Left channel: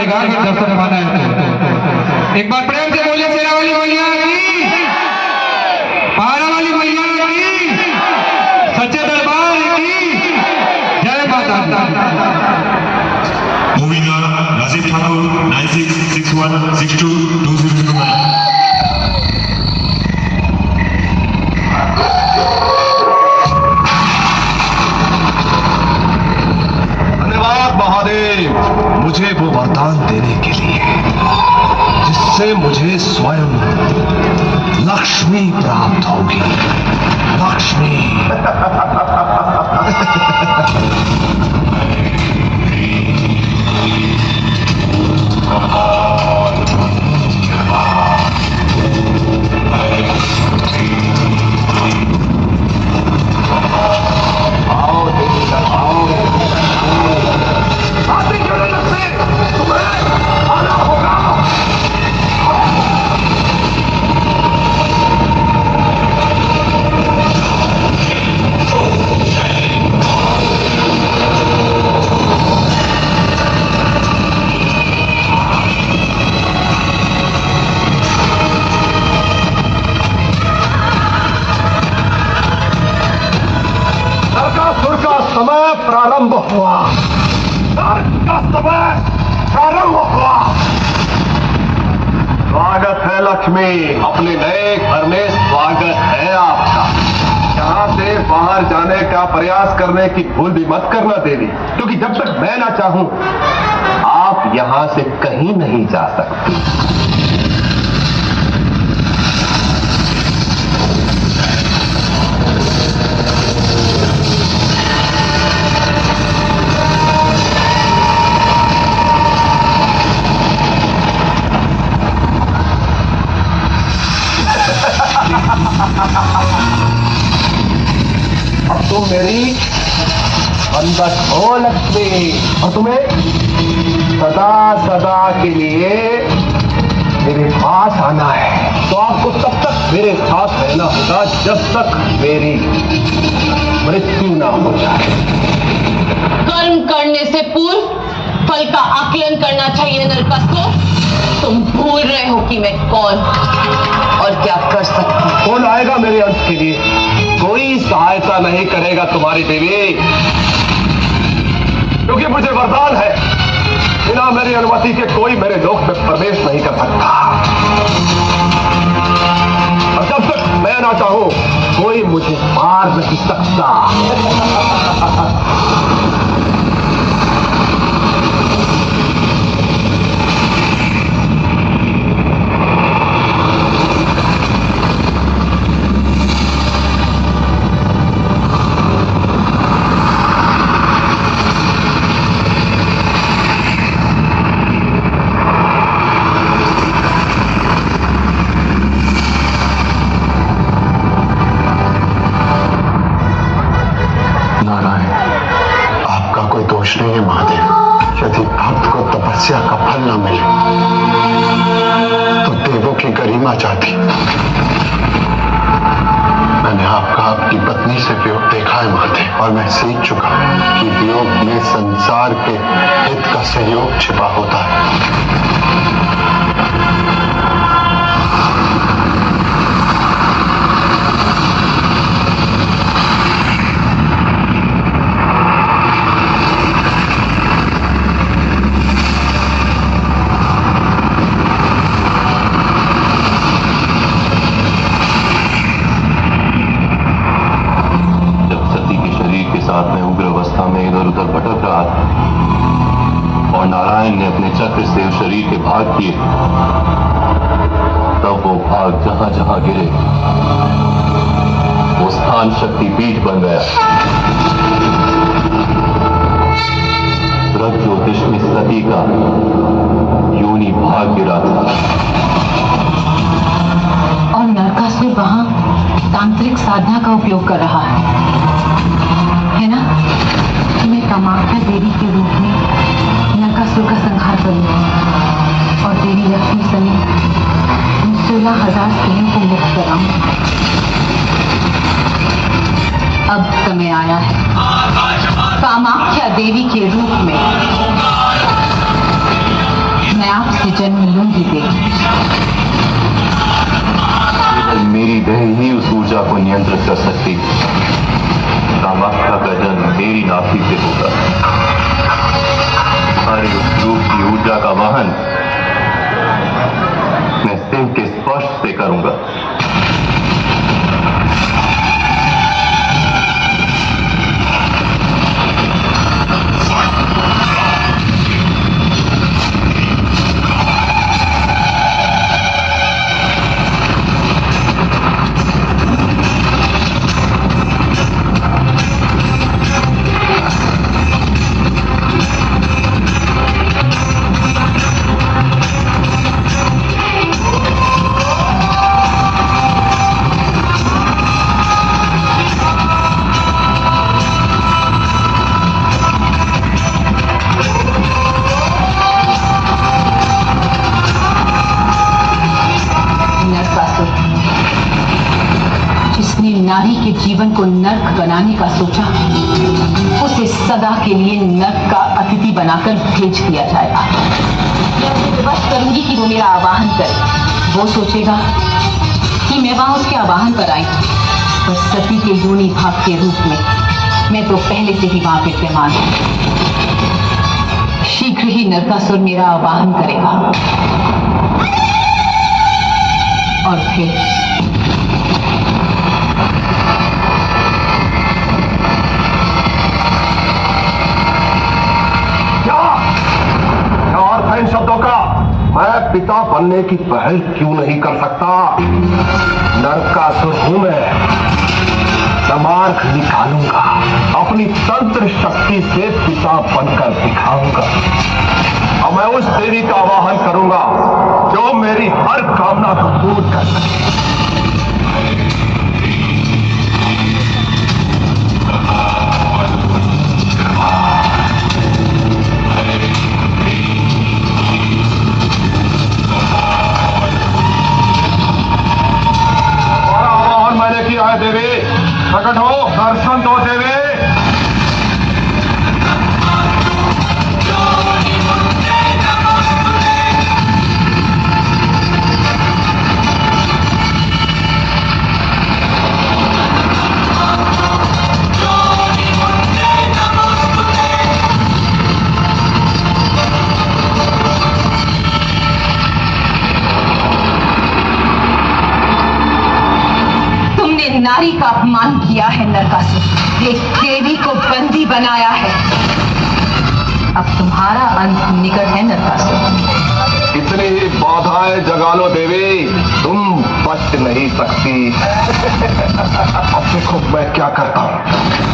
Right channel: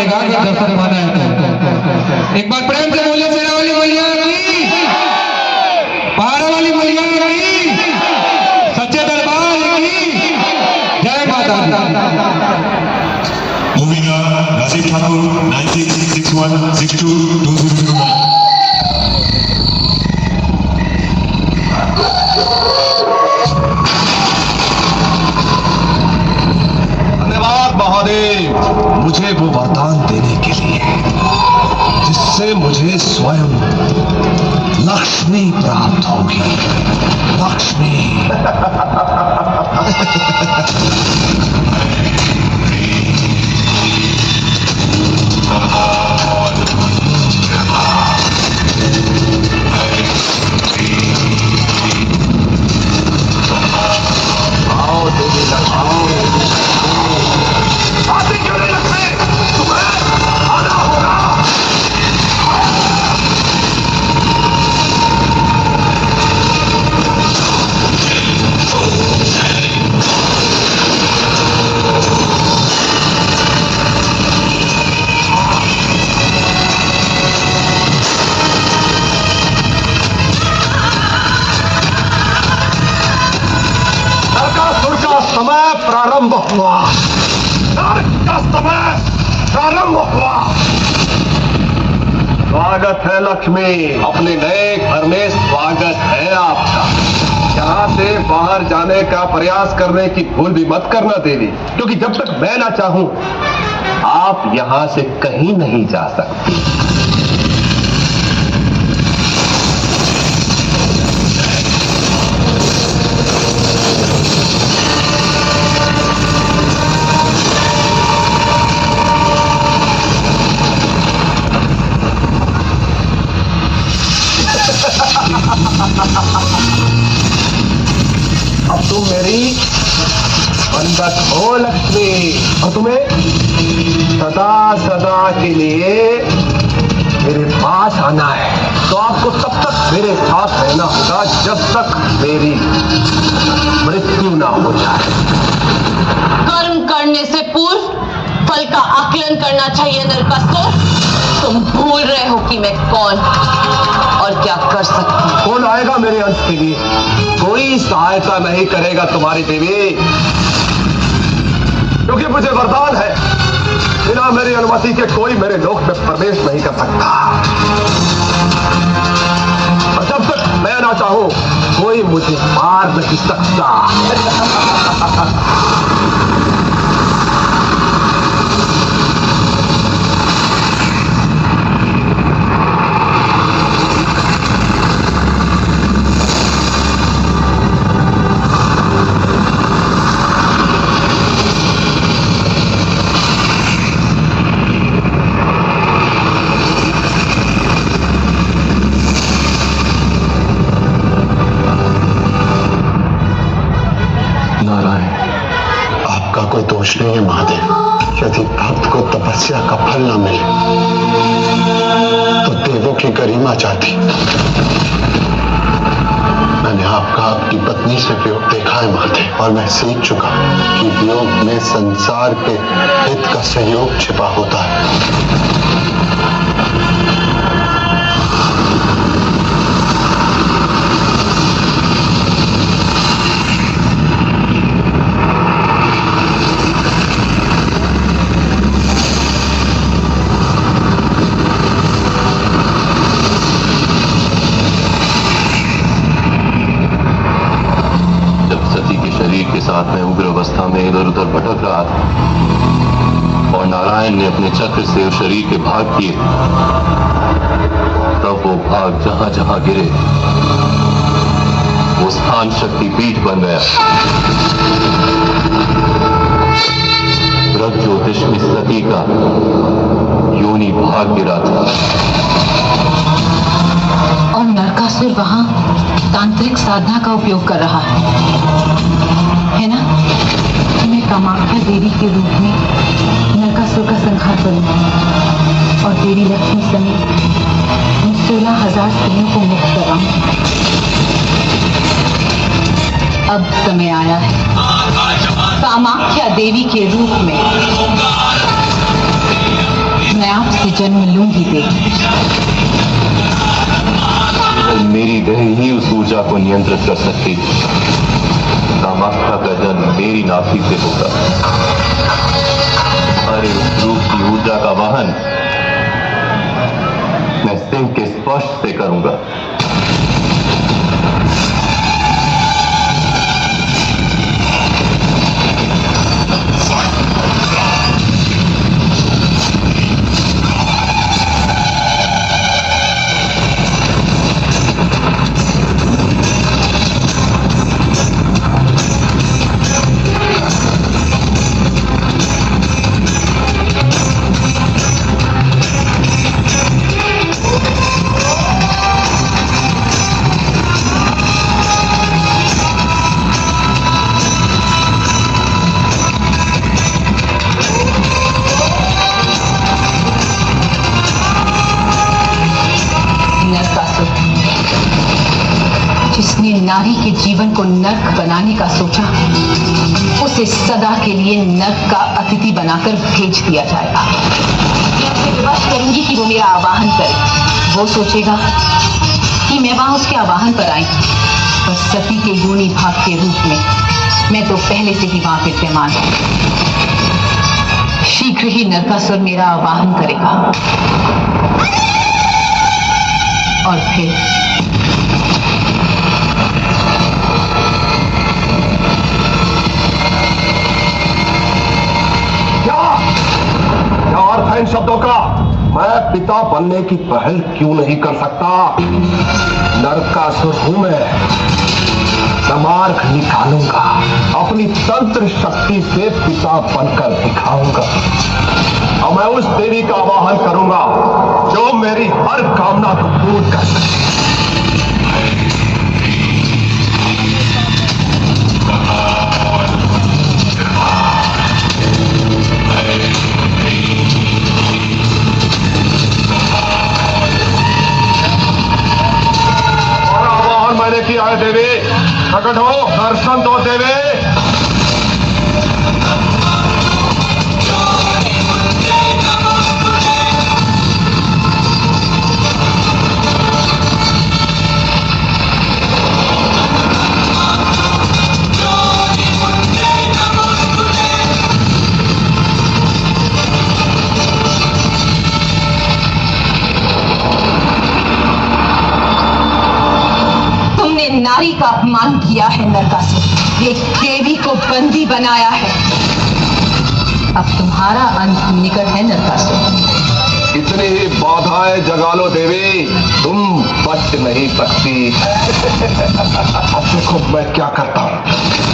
निगाह का दर्शन पाना है। एक बार प्रेम से बोलिए शेरा वाली मैया की, पहाड़ वाली मैया की, सच्चे दरबार की जय माता दी। Moving on, Rajiv Thakur, 9661622029. मुझे वो वरदान देने के लिए जिससे मुझे स्वयं लक्ष्मी प्राप्त होगी। लक्ष्मी आओ देवी लक्ष्मी, प्रारंभ हुआ। स्वागत है लक्ष्मी, अपने नए घर में स्वागत है आपका। यहाँ से बाहर जाने का प्रयास करने की भूल भी मत करना देवी, क्योंकि जब तक मैं ना चाहूं आप यहाँ से कहीं नहीं जा सकती। अब तुम मेरी बंधक हो लक्ष्मी, और तुम्हें सदा सदा के लिए मेरे पास आना है। तो आपको तब तक मेरे साथ रहना होगा जब तक मेरी मृत्यु ना हो जाए। कर्म करने से पूर्व फल का आकलन करना चाहिए नरकासुर। तुम भूल रहे हो कि मैं कौन और क्या कर सकती हूँ। कौन आएगा मेरे अंश के लिए? कोई सहायता नहीं करेगा तुम्हारी देवी, क्योंकि मुझे वरदान है, बिना मेरी अनुमति के कोई मेरे लोक में प्रवेश नहीं कर सकता। और जब तक मैं ना चाहूं कोई मुझे मार नहीं सकता। दोष नहीं है महादेव, यदि भक्त को तपस्या का फल न मिले तो देवों की गरिमा जाती। मैंने आपका अपनी पत्नी से वियोग देखा है महादेव, और मैं सीख चुका कि वियोग में संसार के हित का सहयोग छिपा होता है। में उग्र अवस्था में इधर उधर भटक रहा था और नारायण ने अपने चक्र से उस शरीर के भाग किए, तब वो भाग जहां जहां गिरे वो स्थान शक्ति पीठ बन गया। प्रज्योतिष में सती का योनि भाग गिरा था और नरकासुर वहां तांत्रिक साधना का उपयोग कर रहा है ना? मैं कामाख्या देवी के रूप में नरकासुर का संहार करूंगी और देवी लक्ष्मी समेत 16,000 स्त्रियों को मुक्त कराऊंगी। अब समय आया है कामाख्या देवी के रूप में तुझे जन्म लूंगी देवी। केवल मेरी देह ही उस ऊर्जा को नियंत्रित कर सकती है। कामाख्या का जन्म मेरी नाभि से होगा। अरे उस रूप की ऊर्जा का वहन मैं सिंह के स्पर्श से करूंगा। जिसने नारी के जीवन को नर्क बनाने का सोचा, उसे सदा के लिए नर्क का अतिथि बनाकर भेज दिया जाएगा। मैं उसे विवश करूंगी कि वो मेरा आवाहन करे। वो सोचेगा कि मैं वहां उसके आवाहन पर आई, तो सती के योनि भाव के रूप में मैं तो पहले से ही वहां विद्यमान हूं। शीघ्र ही नरकासुर मेरा आवाहन करेगा और फिर इन शब्दों का मैं पिता बनने की पहल क्यों नहीं कर सकता? नरकासुर हूं मैं, समार्ग निकालूंगा, अपनी तंत्र शक्ति से पिता बनकर दिखाऊंगा। और मैं उस देवी का आवाहन करूंगा जो मेरी हर कामना को पूर्ण कर सके। मैंने किया है देवी, प्रकट हो, दर्शन दो देवी। नारी का अपमान किया है नरकासुर, एक देवी को बंदी बनाया है। अब तुम्हारा अंत निकट है नरकासुर। इतनी ही बाधाएं जगा लो देवी, तुम बच नहीं सकती। अब देखो मैं क्या करता हूं।